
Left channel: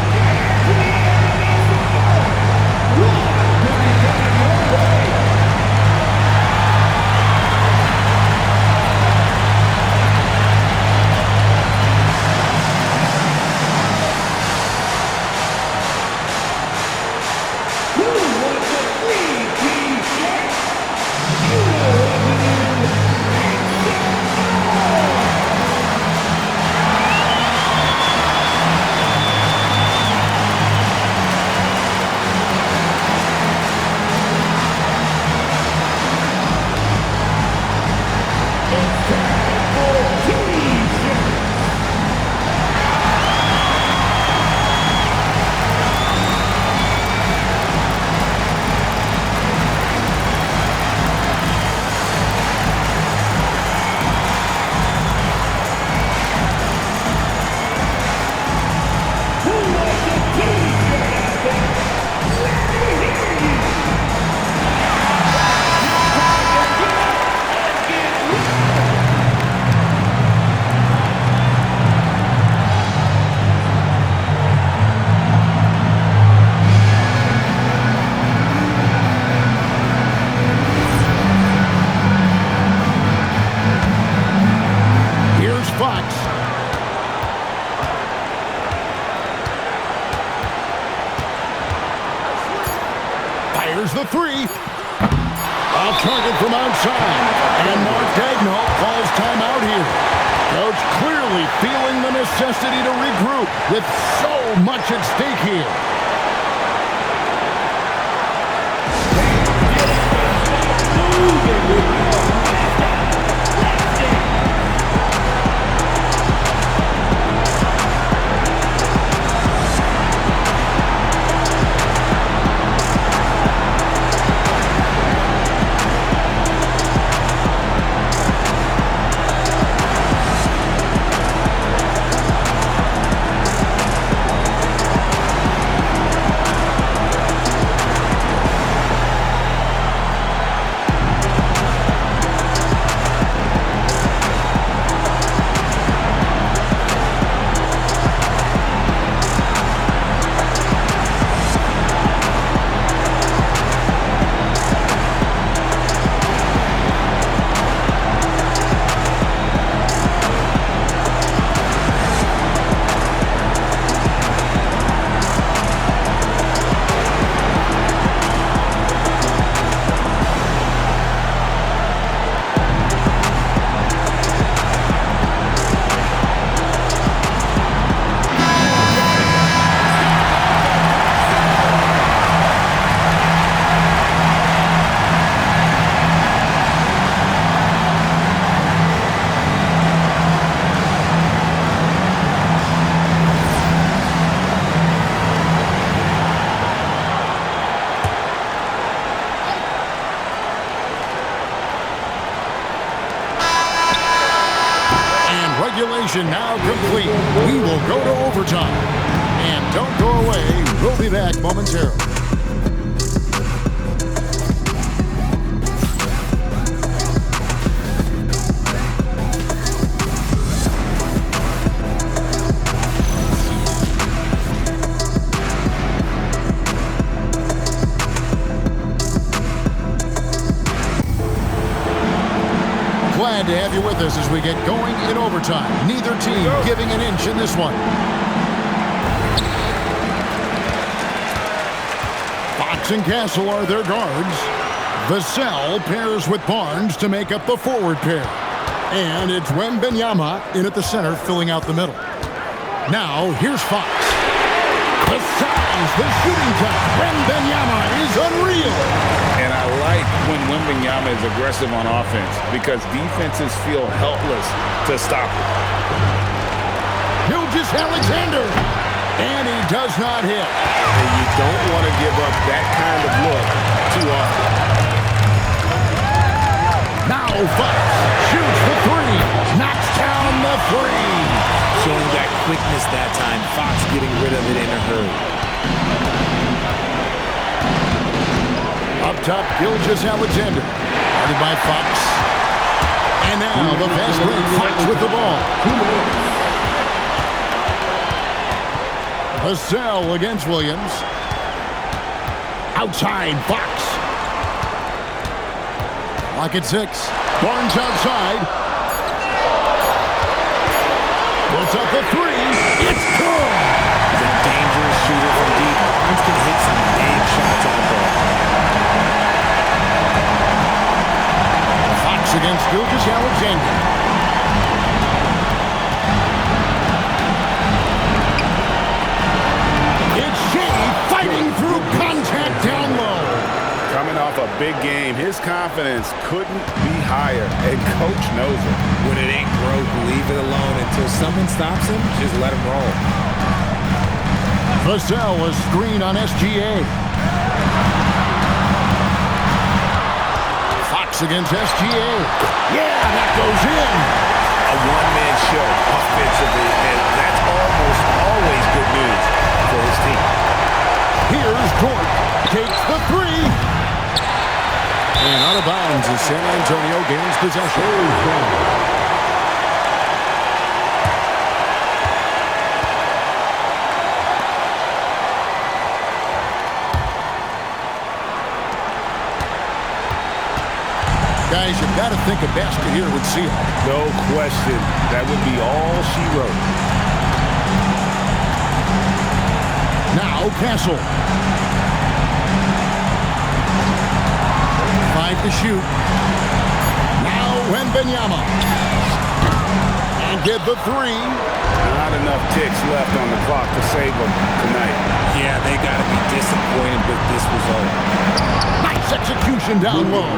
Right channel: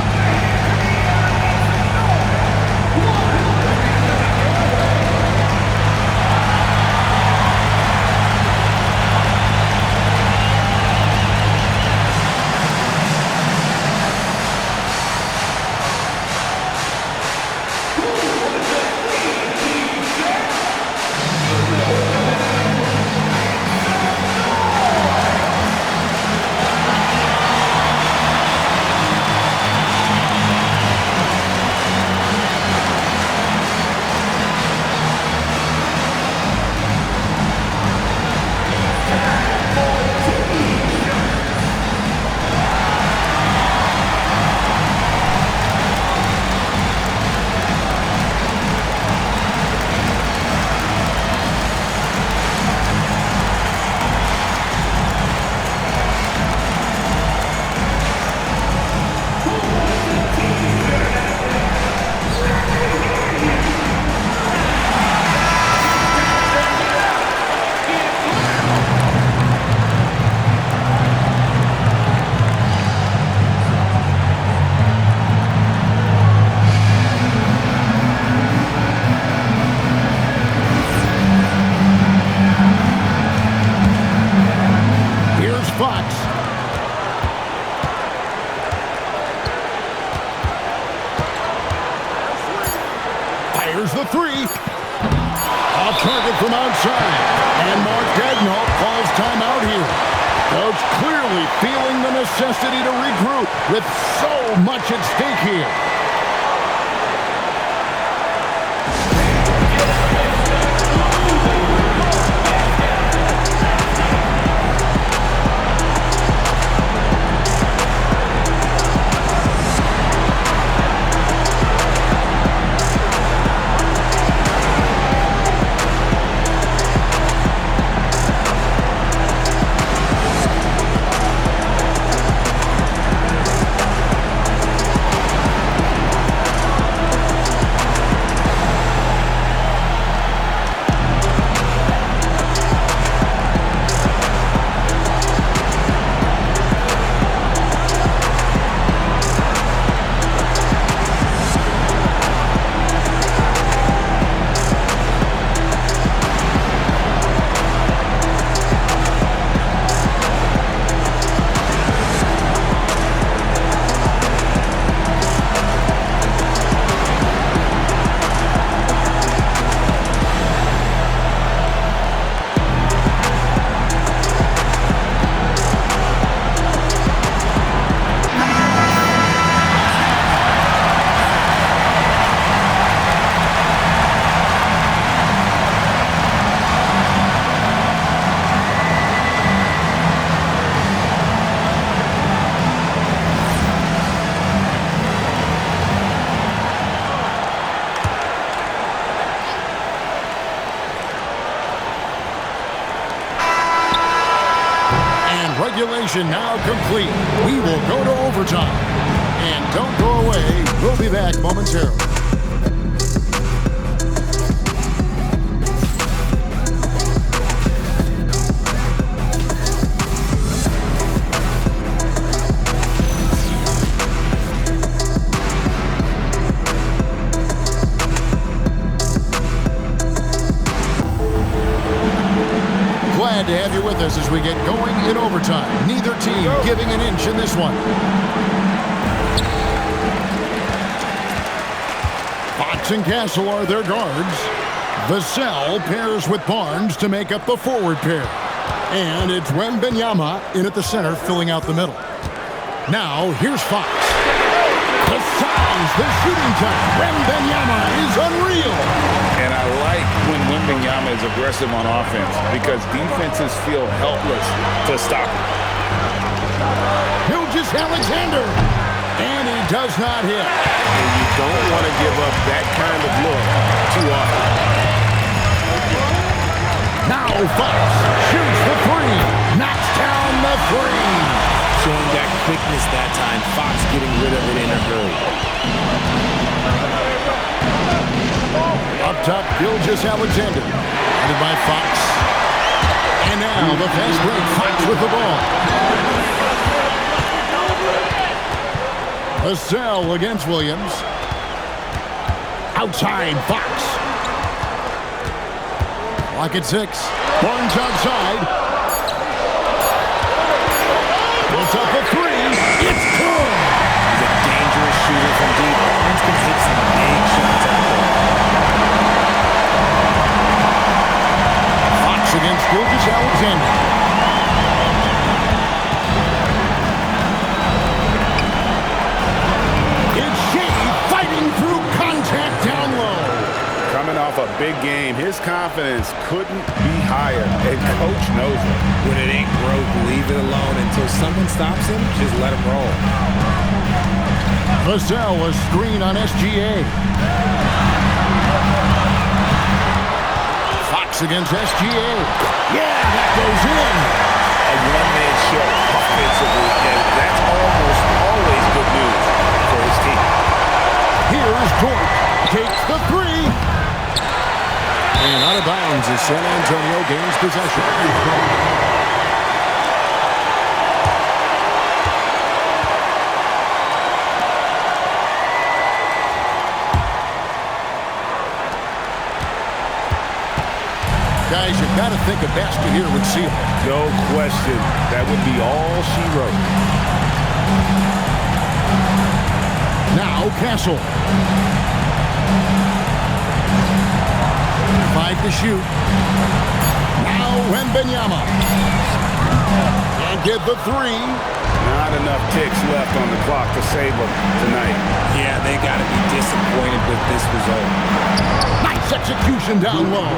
Fox. Fires the three. Off target from outside. And Mark Daigneault calls timeout here. Coach clearly feeling the necessity to regroup with so much at stake here. Regulation now complete. We will go to overtime. And don't go away. We'll be back momentarily. Glad to have you with us as we get going in overtime. Neither team giving an inch in this one. Fox and Castle are their guards. Vassell pairs with Barnes to make up the forward pair. And it's Wembanyama in at the center, filling out the middle. Now, here's Fox. The size, the shooting touch. Wembanyama is unreal. And I like when Wembanyama is aggressive on offense because defenses feel helpless to stop it. Gilgeous-Alexander. And he does not hit. And you don't want to give up that kind of look too often. Now Fox shoots the three. Knocks down the three. Showing that quickness that time. Fox getting rid of it in a hurry. Up top, Gilgeous-Alexander. Guarded by Fox. And now the fast break. Fox with the ball. Vassell against Williams. Outside, Fox. Clock at 6. Barnes outside. Puts up the three. It's good. He's a dangerous shooter from deep. Barnes can hit some big shots out there. Fox against Gilgeous-Alexander. It's Shea fighting through contact down low. Coming off a big game, his confidence couldn't be higher, and Coach knows it. When it ain't broke, leave it alone until someone stops him. Just let him roll. Vassell a screen on SGA. Fox against SGA. Yeah, that goes in. A one-man show offensively, and that's almost always good news for his team. Here's Dort. Takes the three. And out of bounds as San Antonio gains possession. Guys, you've got to think a basket here would seal. No question. That would be all she wrote. Now Castle. 5 to shoot. Now Wembanyama. And get the three. Not enough ticks left on the clock to save them tonight. Yeah, they got to be disappointed with this result. Nice execution down low.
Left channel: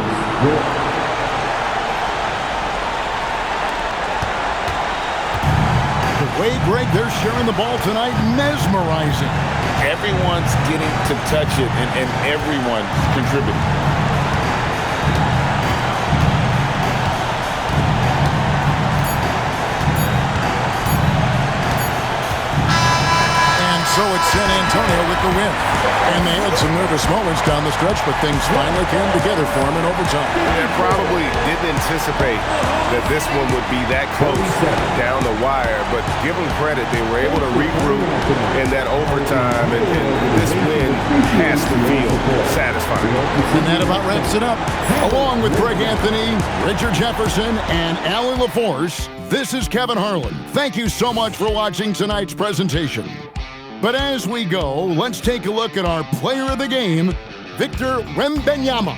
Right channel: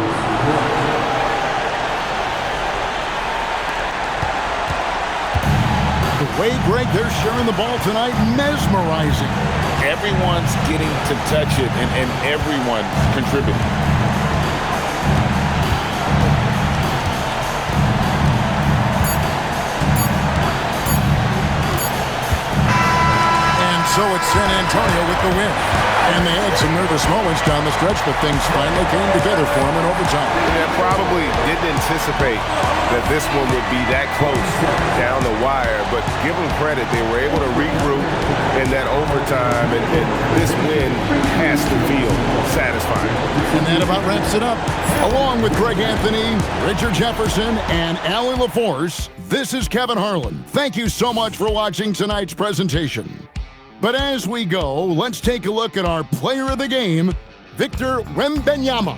The way, Greg, they're sharing the ball tonight, mesmerizing. Everyone's getting to touch it, and everyone's contributing. And so it's San Antonio with the win. And they had some nervous moments down the stretch, but things finally came together for them in overtime. They probably didn't anticipate that this one would be that close down the wire, but give them credit. They were able to regroup in that overtime, and this win has to feel satisfying. And that about wraps it up. Along with Greg Anthony, Richard Jefferson, and Allie LaForce, this is Kevin Harlan. Thank you so much for watching tonight's presentation. But as we go, let's take a look at our player of the game, Victor Wembanyama.